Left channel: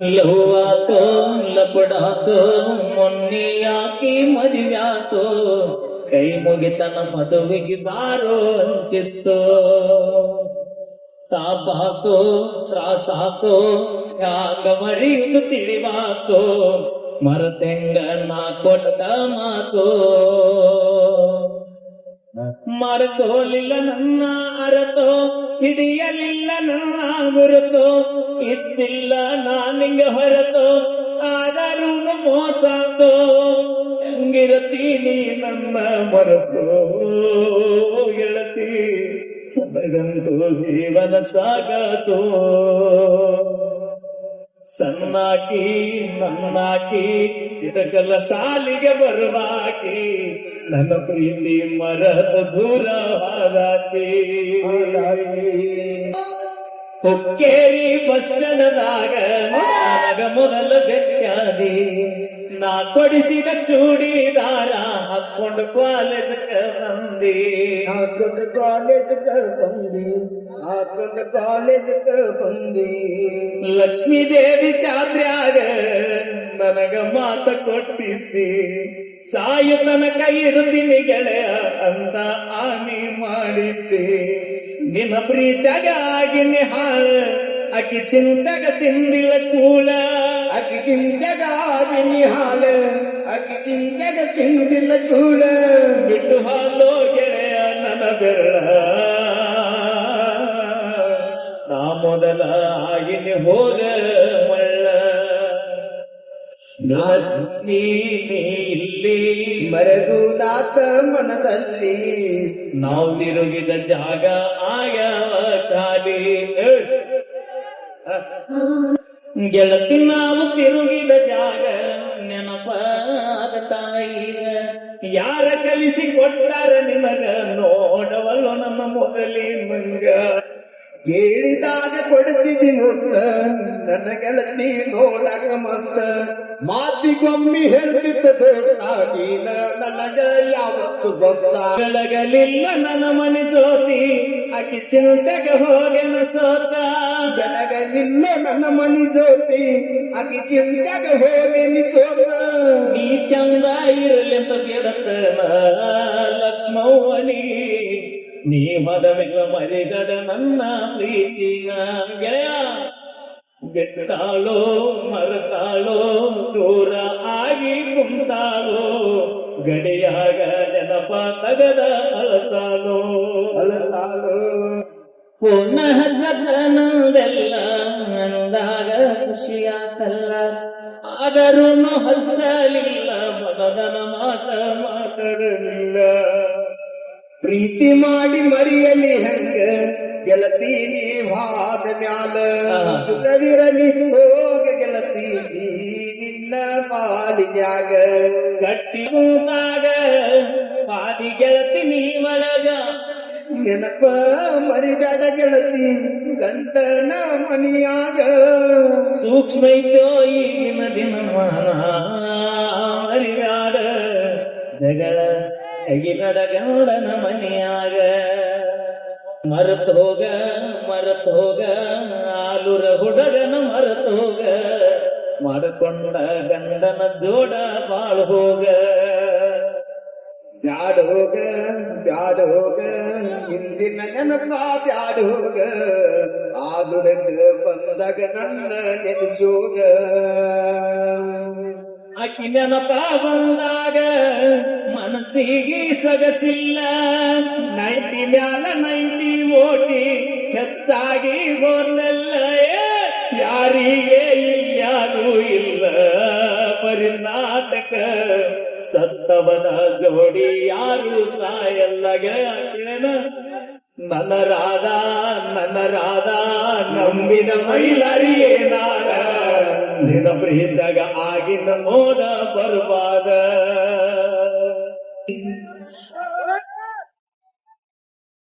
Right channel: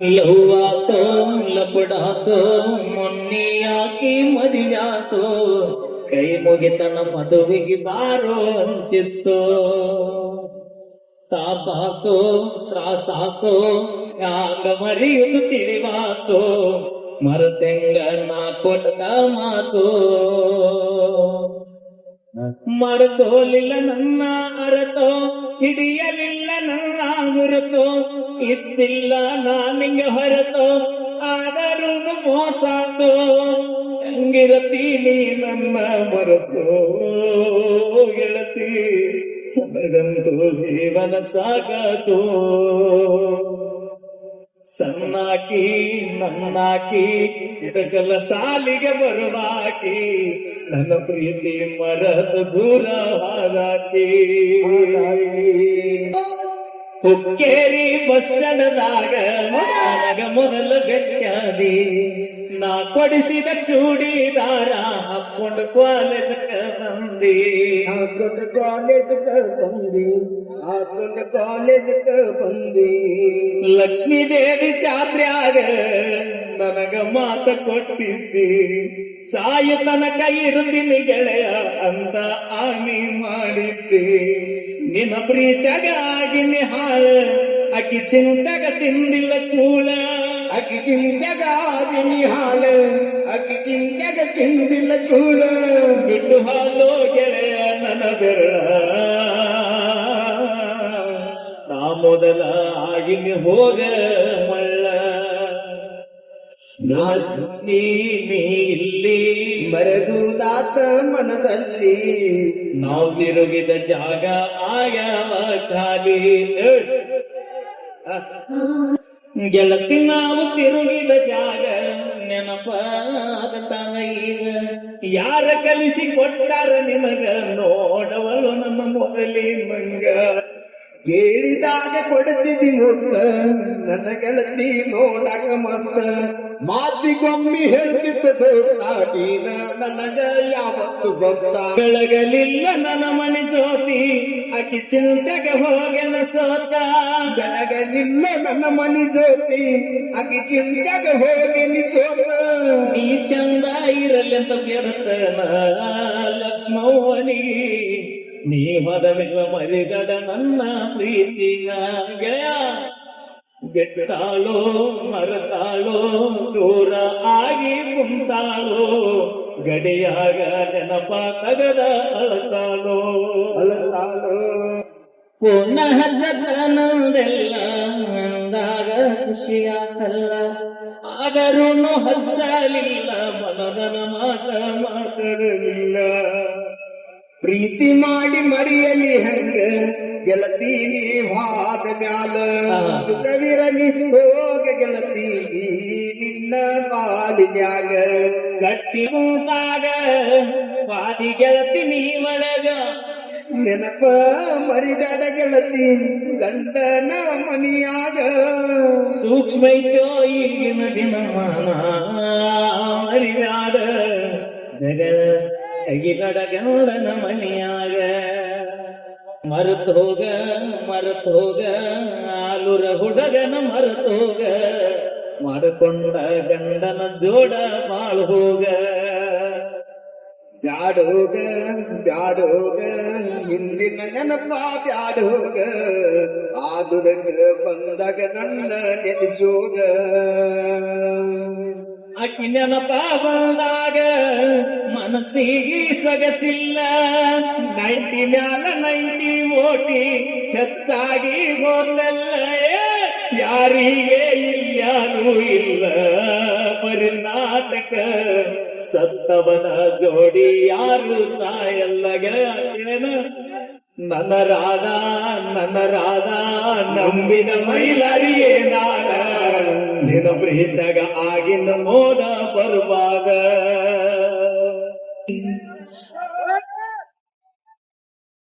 ಲಹುವಾತೋ ಲಪಡಾತೋ ಮೊನ್ನೆಯಾಕಿ ಮದಿಯಾತೋ ಕೈ ಮುಗಿತನ ಮದುವೆಗೆ ಬಾರೋ ಅಂತಿತ್ತೋ ತಾಪಾಕೋ ತ್ರಾಸಾಕೋ ಯಾಗ ಮರೆಯುವುದು ತಿಳಿವಾತೋ ಮರತೆಂಗ ನಾ ಕೊಟ್ಟ ಮಾತೋ ಮರೆತೋಲಿಲ್ಲ ನನ್ನ ಅರತೋ ಹಿಡಿಯಲಿಲ್ಲ ನನ್ನ ಮುರತೋ ಇದ್ದಿಲ್ಲ ನಾನಿಂಗ ಹೊರತೋ ಆದರೂ ಮೋಸಾತೋ ಹೆಂಗಿರತೀನಿ ನನ್ನ ಮರೆತೋ ಗೆಳತಿ ನನಗಂತೂ ಜೀವನ ಸಾಗಾತೋ ಸಣ್ಣಾಕಿ ನನ್ನಾಕಿ ಇದಕ್ಕೆಲ್ಲ ಸಾಲಿಗೆ ಬರುವಾಕಿ ನನ್ನ ಪ್ರೀತಿ ಮರದ ದೂರ ಹಾಗಾಕಿ ಹುಕ್ಕೇರಿ ಬಸ್ಸನದಾಗ ಮೊದಲ ಗಟ್ಟಾದಿ ನಾ ಕೊಡಿಸಿದ ಚೂಡಿದಾರ ಹಾಕೊಂಡು ಕಾಲೇಜ್ ಬಂದಿ ಬಂದಿ ಲಕ್ಷ್ಮೀ ದೇವಿ ಜಾತ್ರ್ಯಾಗ ನನಗ ಮಾತ ಕೊಟ್ಟಿದ್ದಿ ಸಾಯು ತನಕ ಇರುತ್ತೀನಿ ಗೆಳೆಯ ಅಂತ ಆಮಿ ಮಾಡಿದ್ದಿ ನಿನ್ನ ಪ್ರೀತಿಯಾಗ ಆಗಿನಿ ಹಾಳ ಅಕ್ಕಿ ಚಿಂತೆಗ ತಿಂದಿಲ್ಲ ಕೂಳ ಅಕ್ಕಿ ಚಿಂತೆಗ ಆಗಿನಿ ಹಾಳ ಅಕ್ಕಿ ಚಿಂತೆಗ ತಿಂದಿಲ್ಲ ಕೂಳ ಬಿಟ್ಟು ಹಾಲೋ ಗೆಳೆಯ ನನ್ನ ಬೆರಳ ನಾ ಮೊದಲ ಆಗಿನಿ ಹೋಗ ಮಳ್ಳ ಇಲ್ಲಿ ಬರಗುದಾತ ಮನದಲ್ಲಿ ನಾವು ತಿರುಗಿದ ಜಾಗ ಆಯ ಖಾಲಿ ಗೆಳತಿ ನಾವು ತಿರುಗಿದ ಜಾಗ ನೆನಪಾದ ತಾಯಿಗ ಯಾರ ಕಲಿಸಿ ಕೊಟ್ಟಾರ ನಿಮಗ ನೋಡವಳು ನಮ್ಮ ಮೊದಲಿ ಮಂಗ ಕೇಳಿದಾಗ ಕೊಡ್ತಿದ್ದಿ ಮುತ್ತ ನನ್ನ ಗೆಳತಿ ನೋಡಕ ಮತ್ತ ಮಾತಿಗೊಮ್ಮೆ ಹೇಳ್ತಿದ್ದ ದೋಸ್ತಾದೀನ ನನಗ ಯಾವತ್ತು ಗೊತ್ತ ಬೆಳಗಲಿಲ್ಲ ನನ್ನ ಮನಿ ಜೋತಿ ಅಕ್ಕಿ ಚಿಂತೆಗೆ ಹೋಗನ ಸೋತ ಬೆಳಗಲಿಲ್ಲ ನನ್ನ ಮನಿ ಜ್ಯೋತಿ ಅಕ್ಕಿ ಚಿಂತೆಗೆ ಹೋಗಿನಿ ಸೋತ ನೀ ಚಂದ ಇರಲೆಂತ ಗೆಳತನ ಲಕ್ಷ್ಮಣಿ ನೀ ಮದವೆಲ್ಲ ಮರಿಗಡ ನನ್ನ ಪ್ರೀತಿಯ ಗೆಳೆಯ ಬೆಟ್ಟಾಳೋ ಮರತಾಳೋ ದೂರ ಆಗಿ ಕುಂತಾಳೋ ಗಡಿಯಾಗ ನೆನಪ ತಗದ ಅಳತಾಳೋ ಪೂರ್ಣ ಹಜ್ಜನದೆಲ್ಲ ನಂದಾಗ ಖುಷಿಯಾಗಲ್ಲ ಆದರೂ ಹಚ್ಚಲಿಲ್ಲ ಮನದನ ಮಾತಾಡಲಿಲ್ಲ ಪ್ರೀತಿ ಮಾಡಿ ಮರಿಯಲಿ ಹೆಂಗ ಗೆಳತಿ ನೀವಾದ ಮ್ಯಾಲ ಕವಿರಲಿ ಹೋಗ ಗೆಳತಿ ನಿನ್ನ ಪಾಲಿನ್ಯಾಗ ಗಟ್ಟಿ ಕೂತಾಗ ಪಾದಿ ಗೆಳತಿ ನೀ ಒಳಗ ನೆನಪ ಮರಿದಾಡ ಗೆಳತಿ ಗಂಡನ ಮನಿಯಾಗ ಸೂಕ್ಷ್ಮೈತೋ ಈಗಿನ ದಿನಮಾನ ಮರಿದಾಡ ಜಗಳ ಕೈಗಿನಡ ಗಂಡನ ಮನಿಯಾಗ ಮರೆತು ಹೋಗ ಆಲೂರ ಹುಡುಗನ ಮರೆತು ಹೋಗ ಮಾಡಿಕೊಂಡ ಗಂಡನ ಜೋಡ ಬಾಳ್ ಹೋಗ ಬ್ಯಾಡೋಗ ಹಿಂದಿನ ನೆನಪ ಬ್ಯಾಡೋಗ ಆದುರಗ ಬಂದಾಗ ನನ್ನ ನೆನೆಸೋಗ ಅಕ್ಕಿ ನೆನಪ ಬಂದಾಗ ಮನಸ್ಸಿಗೆ ಸೊಗಸಿಲ್ಲ 90 ಮ್ಯಾಲ 90 ಓಟಿ ಹೆಚ್ಚಾಗಿ ಹೋದಲ್ಲ ಯಾರಿಗೆ ಯಾರು ಇಲ್ಲ ಪರಿನಾಟಕ ಸತ್ತವನ ಜೋಡಿ ಯಾರು ಸಾಯಲ್ಲಗ ನನ್ನ ರಾಧ ನಂಬಿದ ಮೈಲರಿಯೇನಾದ ನಿನ್ನ ಪ್ರೀತಗ ಆಗಿನ ಮೋದ ಬರುವಾದ